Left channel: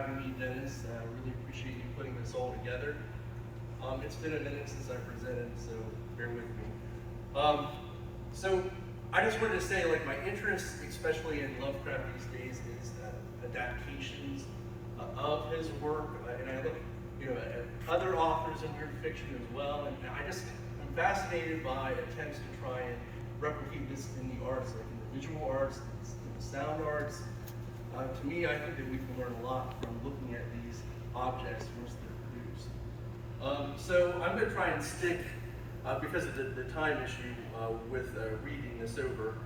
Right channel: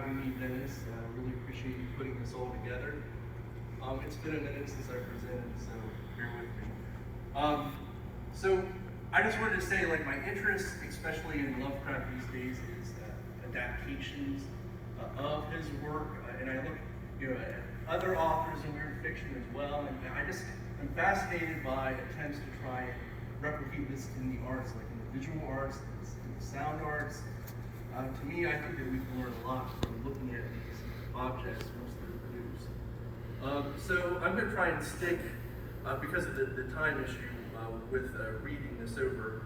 having me, Dennis. Really appreciate you putting this all together. It's been a minute since I presented, so bear with me. So I just wanted to say, like, my interest, especially in Lovecraft these days, is adaptations of his work, and I look, at other authors in weird fiction as well, and I just am fascinated by attempts to try and replicate this in the arts, like in the visual arts, in the sound arts. To me, I think that we can learn a lot from looking at these objects once they're produced. So I'm going to try and stick, because of the time issue, with reading this over.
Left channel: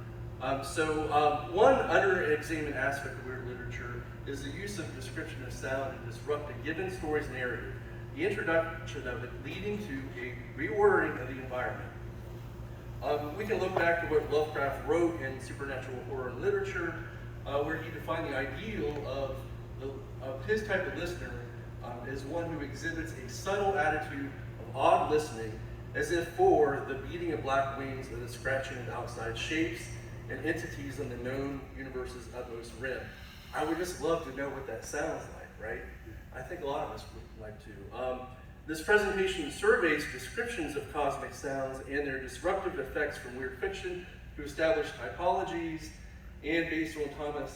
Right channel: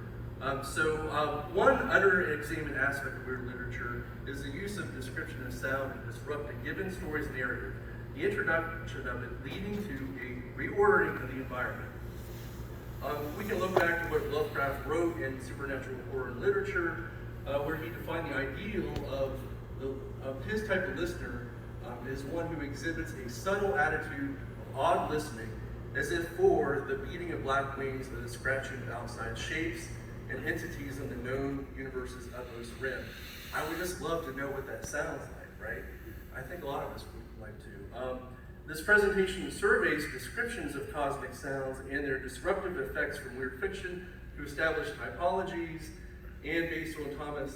One under-examined aspect of weird literature is the use of description of sound to disrupt a given story's narrative, the introduction of it leading to a reordering of the environment. We can look back to what Lovecraft wrote in supernatural horror literature, where he defined the ideal of his type of listener as one who exhibits a subtle attitude of odd listening, as if for the beating of black wings and the scratching of outside shapes and entities in the known universe's utmost rim. I would just love to know what that sounds like, right? I think a lot of us would like to. This presentation surveys descriptions of cosmic sounds and their disruptive effects from weird fiction to establish typologies, and based on Thomas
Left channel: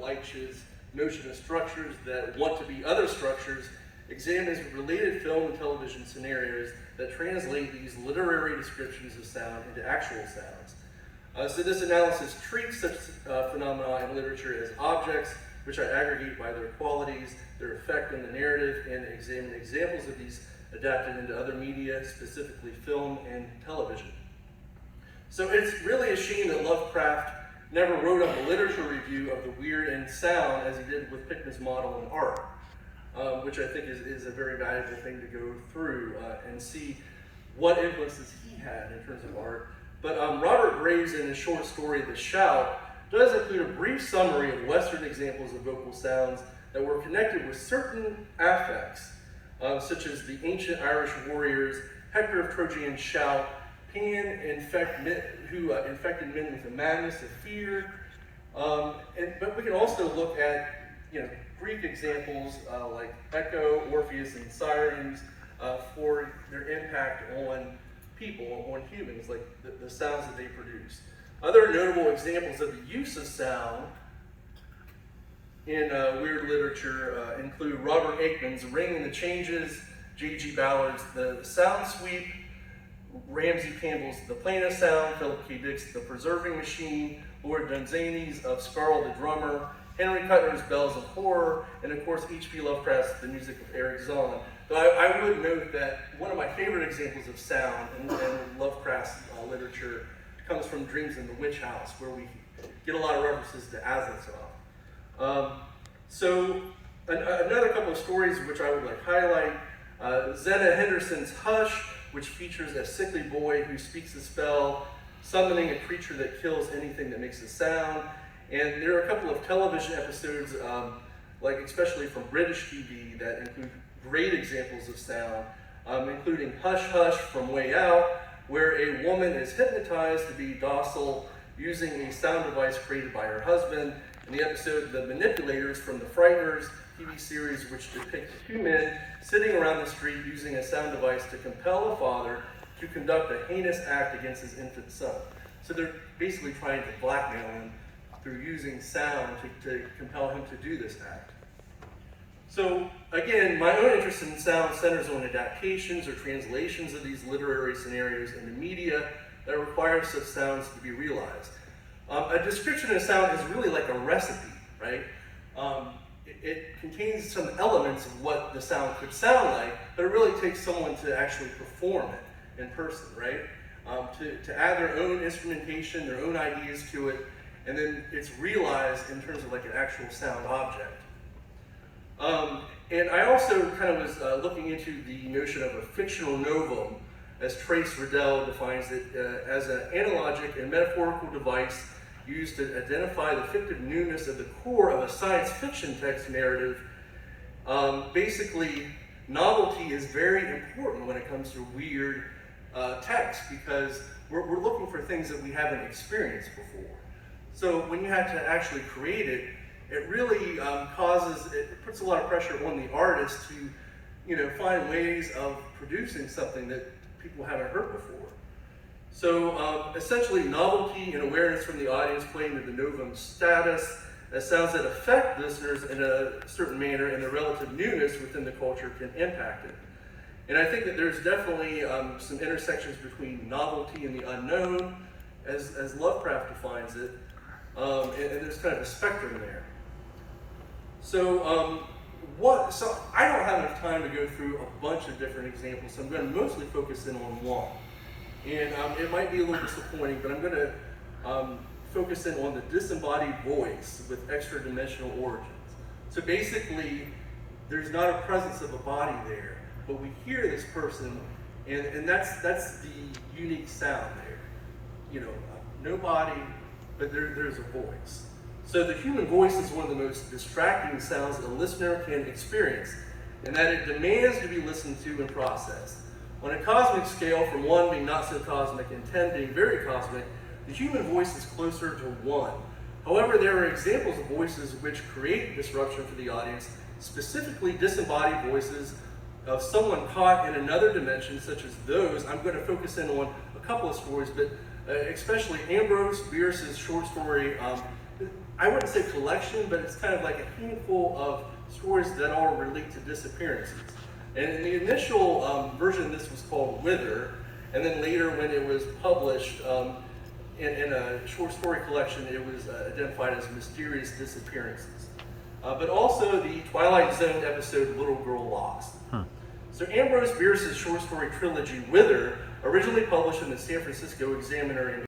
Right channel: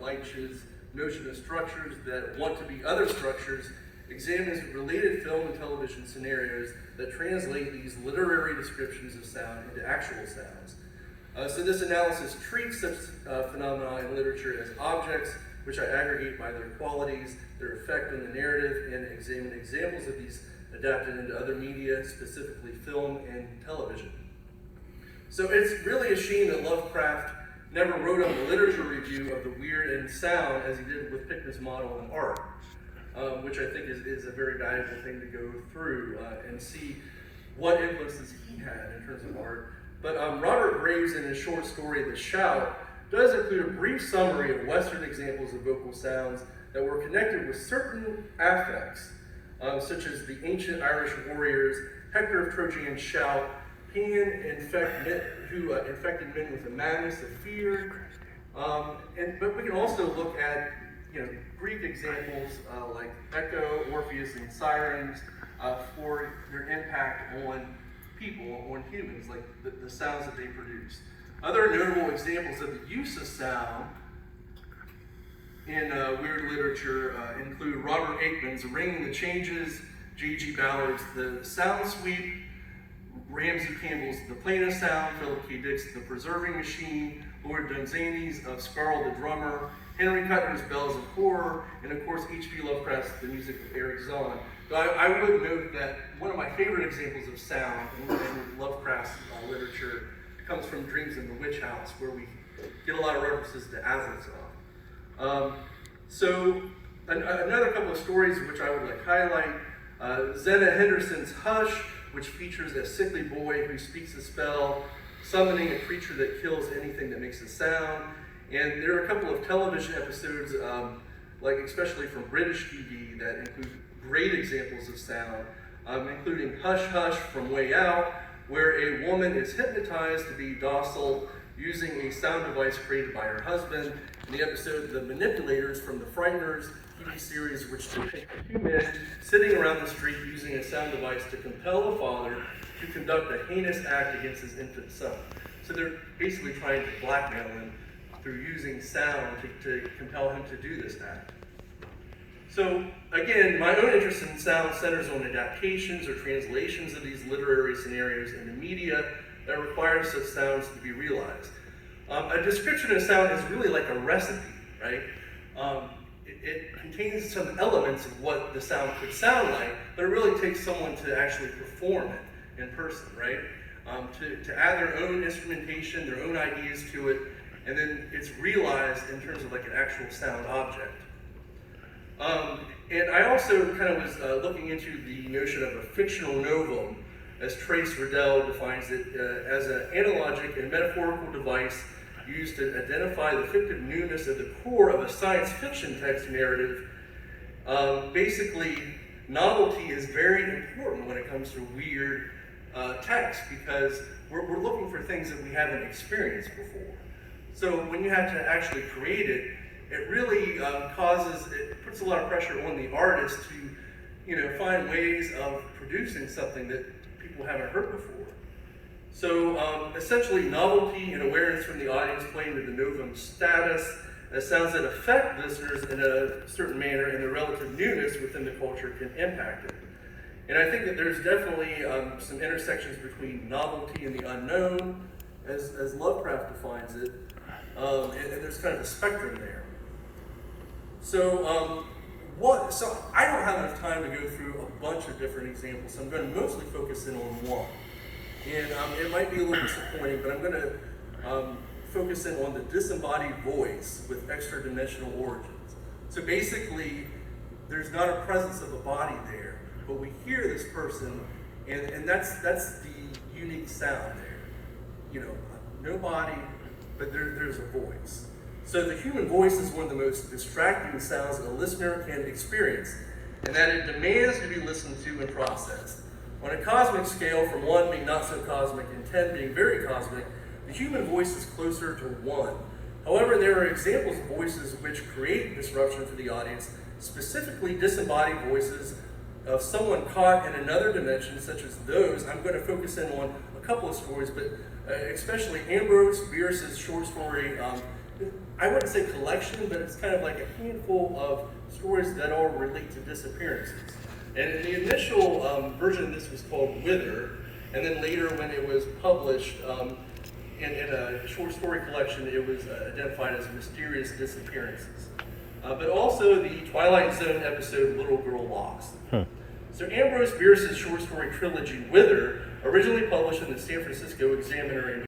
Leitch's notion of structures that want to be other structures, examines related film and television scenarios that translate these literary descriptions of sound into actual sounds. So this analysis treats such phenomena in literature as objects, which I aggregate by their qualities, their effect on the narrative, and examine examples of these adapted into other media, specifically film and television. So it's really a shame that Lovecraft never wrote up a literature review of the weird and sound as he did with Pickman's model and art, which I think is a very valuable thing to go through and see what influences he had in terms of art. But Robert Graves, in his short story, The Shout, does include a brief summary of Western examples of vocal sounds that were connected with certain affects, such as the ancient Irish warriors, Hector of Trojan's shout, who infected men with the madness of fear. But we can also look at Greek examples like Echo, Orpheus, and Sirens for their impact on people, on humans, like the sounds that they produce. Other notable examples of the use of sound in weird literature include Robert Aikman's Ringing the Changes, J.G. Ballard's The Sound Sweep, Ramsey Campbell's The Plane of Sound, Philip K. Dick's The Preserving Machine, Lord Dunsany's of Scarl the Drummer, Henry Kuttner's Bells of Horror, and of course H.P. Lovecraft's The Music of Eric Zahn. But I would note that one of my favorite examples of sound in Lovecraft's literature comes from Dreams in the Witch House, where we get a lot of references to Azathoth. Another couple of stories which I would like highlight, Zena Henderson's Hush, which features a sickly boy who speaks a spell, summoning a creature that kills anything that makes a sound. And there are a couple of television episodes, especially from British TV, that include great examples of sound, including Hush Hush from Way Out, where a woman is hypnotized to be docile using a sound device created by her husband. In the episode The Manipulators from the Frighteners TV series, which depict two men sitting around the street using a sound device to compel a father to conduct a heinous act against his infant son. So they're basically trying to blackmail him through using sound to compel him to do this act. So again, my own interest in sound centers on adaptations or translations of these literary scenarios into media that require such sounds to be realized. A description of sound is really like a recipe, right? It contains some elements of what the sound could sound like, but it really takes someone to actually perform it in person, right? To add their own instrumentation, their own ideas to it, and then it's realized in terms of like an actual sound object. And I also kind of was looking into the notion of a fictional novum, as Trace Riddell defines it, as an analogic and metaphorical device used to identify the fictive newness at the core of a science fiction text narrative. Basically, novelty is very important when it comes to weird text, because we're looking for things that we haven't experienced before. So when you have to actually create it, it really it puts a lot of pressure on the artist to, find ways of producing something that people haven't heard before. So essentially, novelty and awareness from the audience play into de novum status as sounds that affect listeners in a certain manner, and the relative newness within the culture can impact it. And I think that there's definitely some intersections between novelty and the unknown, as Lovecraft defines it, and there's kind of a spectrum there. So so I don't have enough time to go through a bunch of different examples, so I'm going to mostly focus in on one. And it might be a little disappointing, but I'm going to focus in on the disembodied voice with extra-dimensional origins. So basically, there's not a presence of a body there, but we hear this person, and that's the unique sound there. No body, but there's a voice. So the human voice is one of the most distracting sounds that a listener can experience, and that it demands to be listened to and processed. On a cosmic scale, from 1 being not so cosmic and 10 being very cosmic, the human voice is closer to 1. However, there are examples of voices which create disruption for the audience, specifically disembodied voices of someone caught in another dimension, such as those. I'm going to focus in on a couple of stories, but especially Ambrose Bierce's short story. I wouldn't say collection, but it's kind of like a handful of stories that all relate to disappearances. And in the initial version, this was called Wither, and then later when it was published in a short story collection, it was identified as Mysterious Disappearances. But also the Twilight Zone episode, Little Girl Lost. So Ambrose Bierce's short story trilogy, Wither, originally published in the San Francisco Examiner in